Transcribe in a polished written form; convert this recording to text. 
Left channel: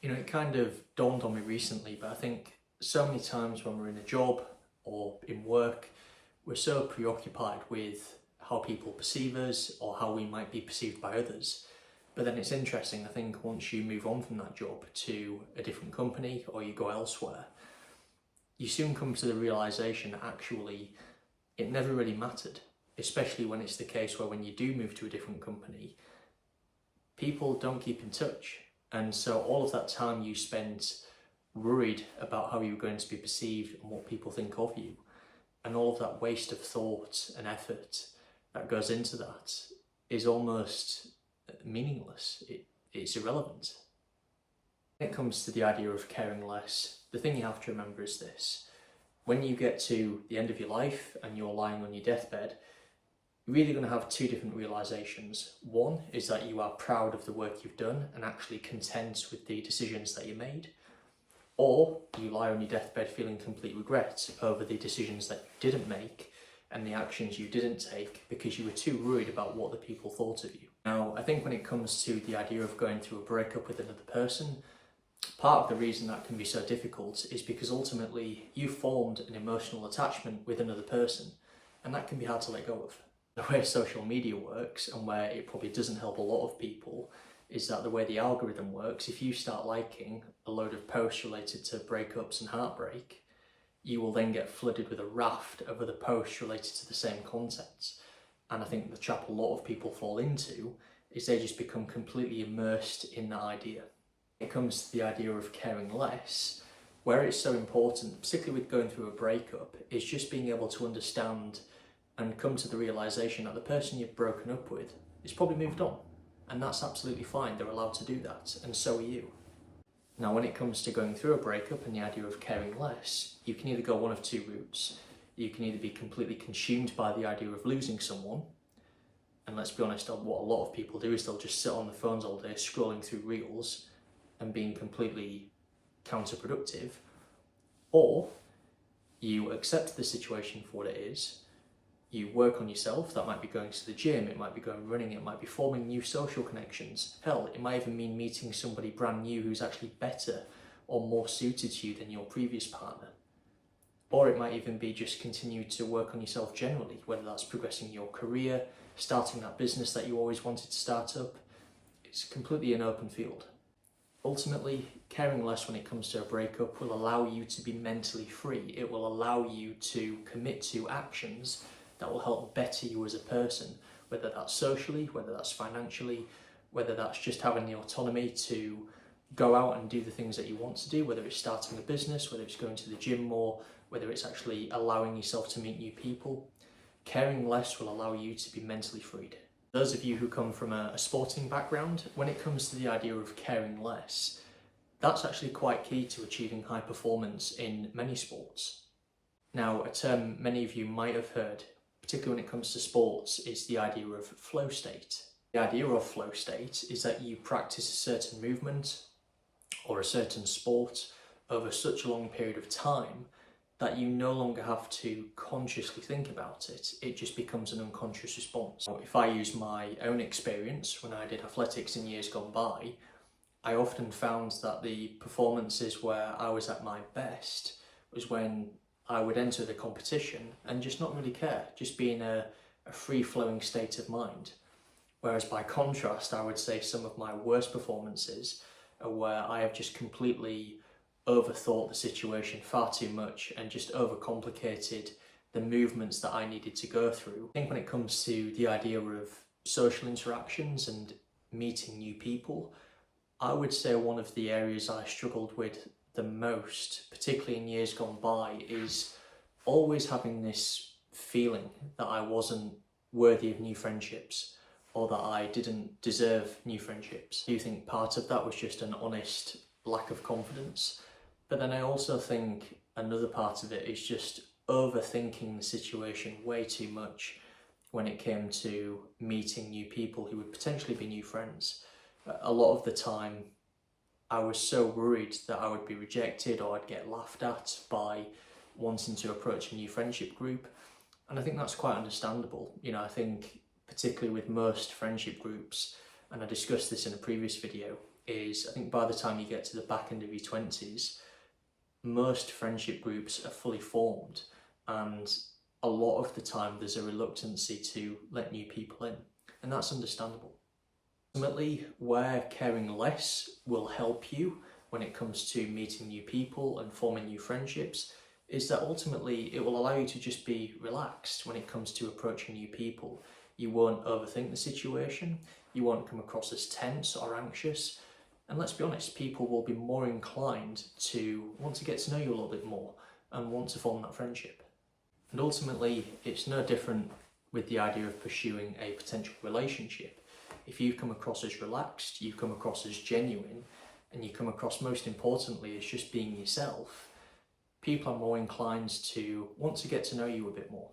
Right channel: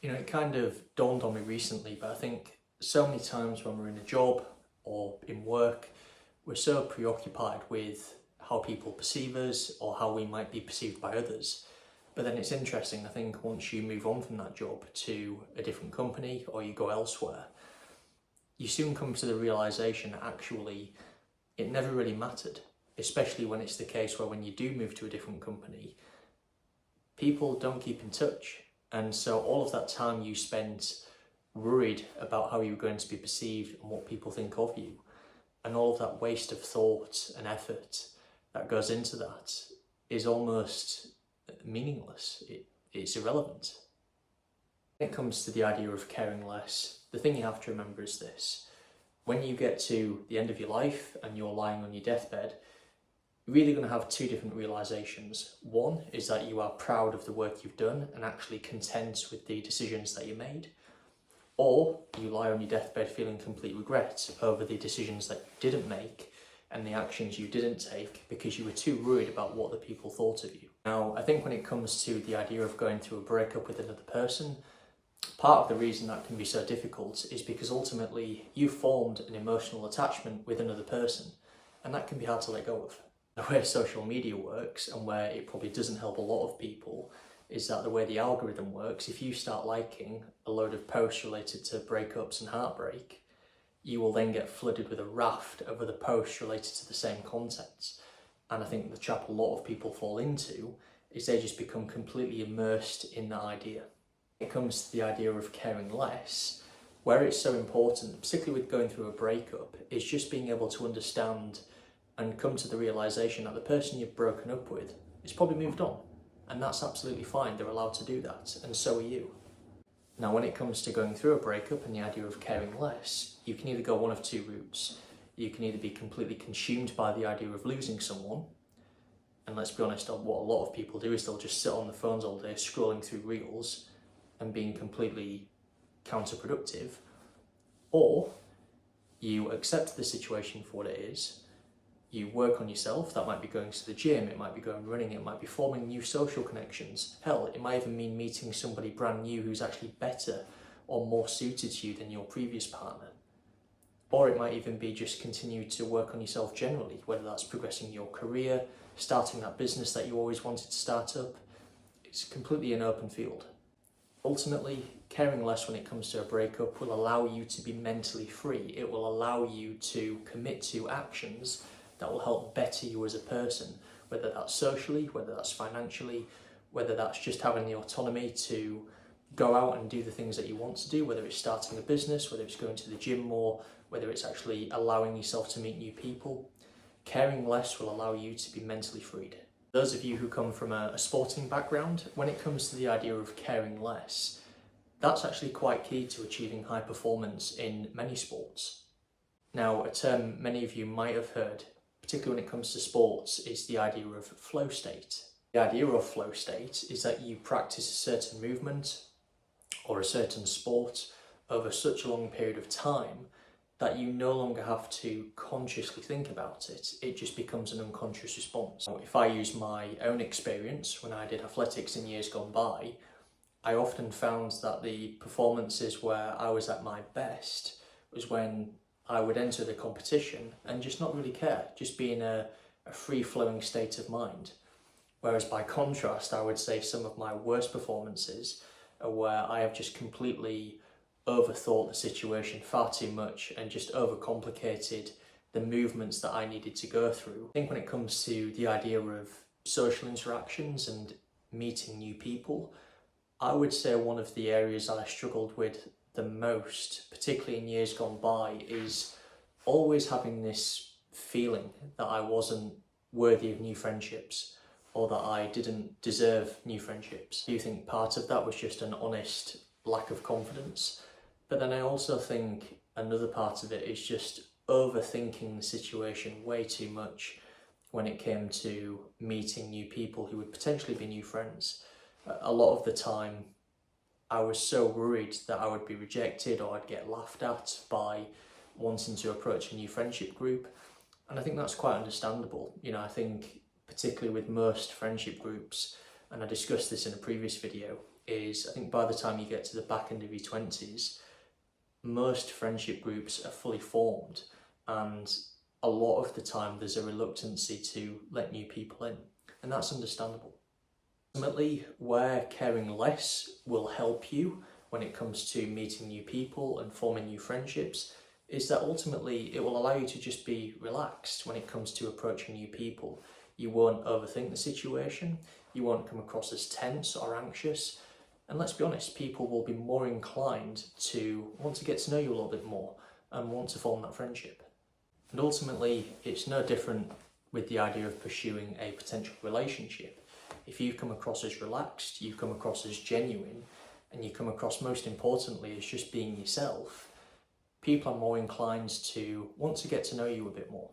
It kind of dawned on me recently, but I think so many times when we're in a job or in work, we're so preoccupied with how people perceive us or how we might be perceived by others. But then it's interesting, I think once you move on from that job to a different company or you go elsewhere, you soon come to the realization that actually it never really mattered, especially when it's the case where when you do move to a different company, people don't keep in touch. And so all of that time you spent worried about how you were going to be perceived and what people think of you, and all of that waste of thought and effort that goes into that is almost meaningless. It's irrelevant. When it comes to the idea of caring less, the thing you have to remember is this. When you get to the end of your life and you're lying on your deathbed, you're really going to have two different realizations. One is that you are proud of the work you've done and actually content with the decisions that you made. Or you lie on your deathbed feeling complete regret over the decisions that you didn't make and the actions you didn't take because you were too worried about what the people thought of you. Now, I think when it comes to the idea of going through a breakup with another person, part of the reason that can be so difficult is because ultimately you formed an emotional attachment with another person, and that can be hard to let go of. The way social media works, and where it probably doesn't help a lot of people, is that the way the algorithm works, if you start liking a load of posts related to breakups and heartbreak, you will then get flooded with a raft of other posts related to the same content. And I think the trap a lot of people fall into is they just become completely immersed in that idea. When it comes to the idea of caring less, where it's so important, particularly with going through a breakup, is just being able to understand and come to the realization that the person you've broken up with is probably moved on. And that's absolutely fine, they're allowed to do that, and so are you. Now, when it comes to going through a breakup and the idea of caring less, you can either go one of two routes. You can either be completely consumed by the idea of losing someone, and let's be honest, what a lot of people do is they'll just sit on the phones all day scrolling through reels and being completely counterproductive, or you accept the situation for what it is. You work on yourself. That might be going to the gym, it might be going running, it might be forming new social connections. Hell, it might even mean meeting somebody brand new who's actually better or more suited to you than your previous partner. Or it might even be just continue to work on yourself generally, whether that's progressing your career, starting that business that you always wanted to start up. It's completely an open field. Ultimately, caring less when it comes to a breakup will allow you to be mentally free. It will allow you to commit to actions that will help better you as a person, whether that's socially, whether that's financially, whether that's just having the autonomy to go out and do the things that you want to do, whether it's starting a business, whether it's going to the gym more, whether it's actually allowing yourself to meet new people. Caring less will allow you to be mentally freed. Those of you who come from a sporting background, when it comes to the idea of caring less, that's actually quite key to achieving high performance in many sports. Now, a term many of you might have heard, particularly when it comes to sports, is the idea of flow state. The idea of flow state is that you practice a certain movement or a certain sport over such a long period of time that you no longer have to consciously think about it. It just becomes an unconscious response. So if I use my own experience when I did athletics in years gone by, I often found that the performances where I was at my best was when I would enter the competition and just not really care, just be in a free-flowing state of mind. Whereas by contrast, I would say some of my worst performances are where I have just completely overthought the situation far too much and just overcomplicated the movements that I needed to go through. I think when it comes to the idea of social interactions and meeting new people, I would say one of the areas I struggled with the most, particularly in years gone by, is always having this feeling that I wasn't worthy of new friendships or that I didn't deserve new friendships. I do think part of that was just an honest lack of confidence. But then I also think another part of it is just overthinking the situation way too much when it came to meeting new people who would potentially be new friends. A lot of the time, I was so worried that I would be rejected or I'd get laughed at by wanting to approach a new friendship group. And I think that's quite understandable. I think particularly with most friendship groups, and I discussed this in a previous video, is I think by the time you get to the back end of your 20s, most friendship groups are fully formed, and a lot of the time there's a reluctancy to let new people in, and that's understandable. Ultimately, where caring less will help you when it comes to meeting new people and forming new friendships is that ultimately it will allow you to just be relaxed when it comes to approaching new people. You won't overthink the situation, you won't come across as tense or anxious, and let's be honest, people will be more inclined to want to get to know you a little bit more and want to form that friendship. And ultimately, it's no different with the idea of pursuing a potential relationship. If you come across as relaxed, you come across as genuine, and you come across, most importantly, as just being yourself, people are more inclined to want to get to know you a bit more.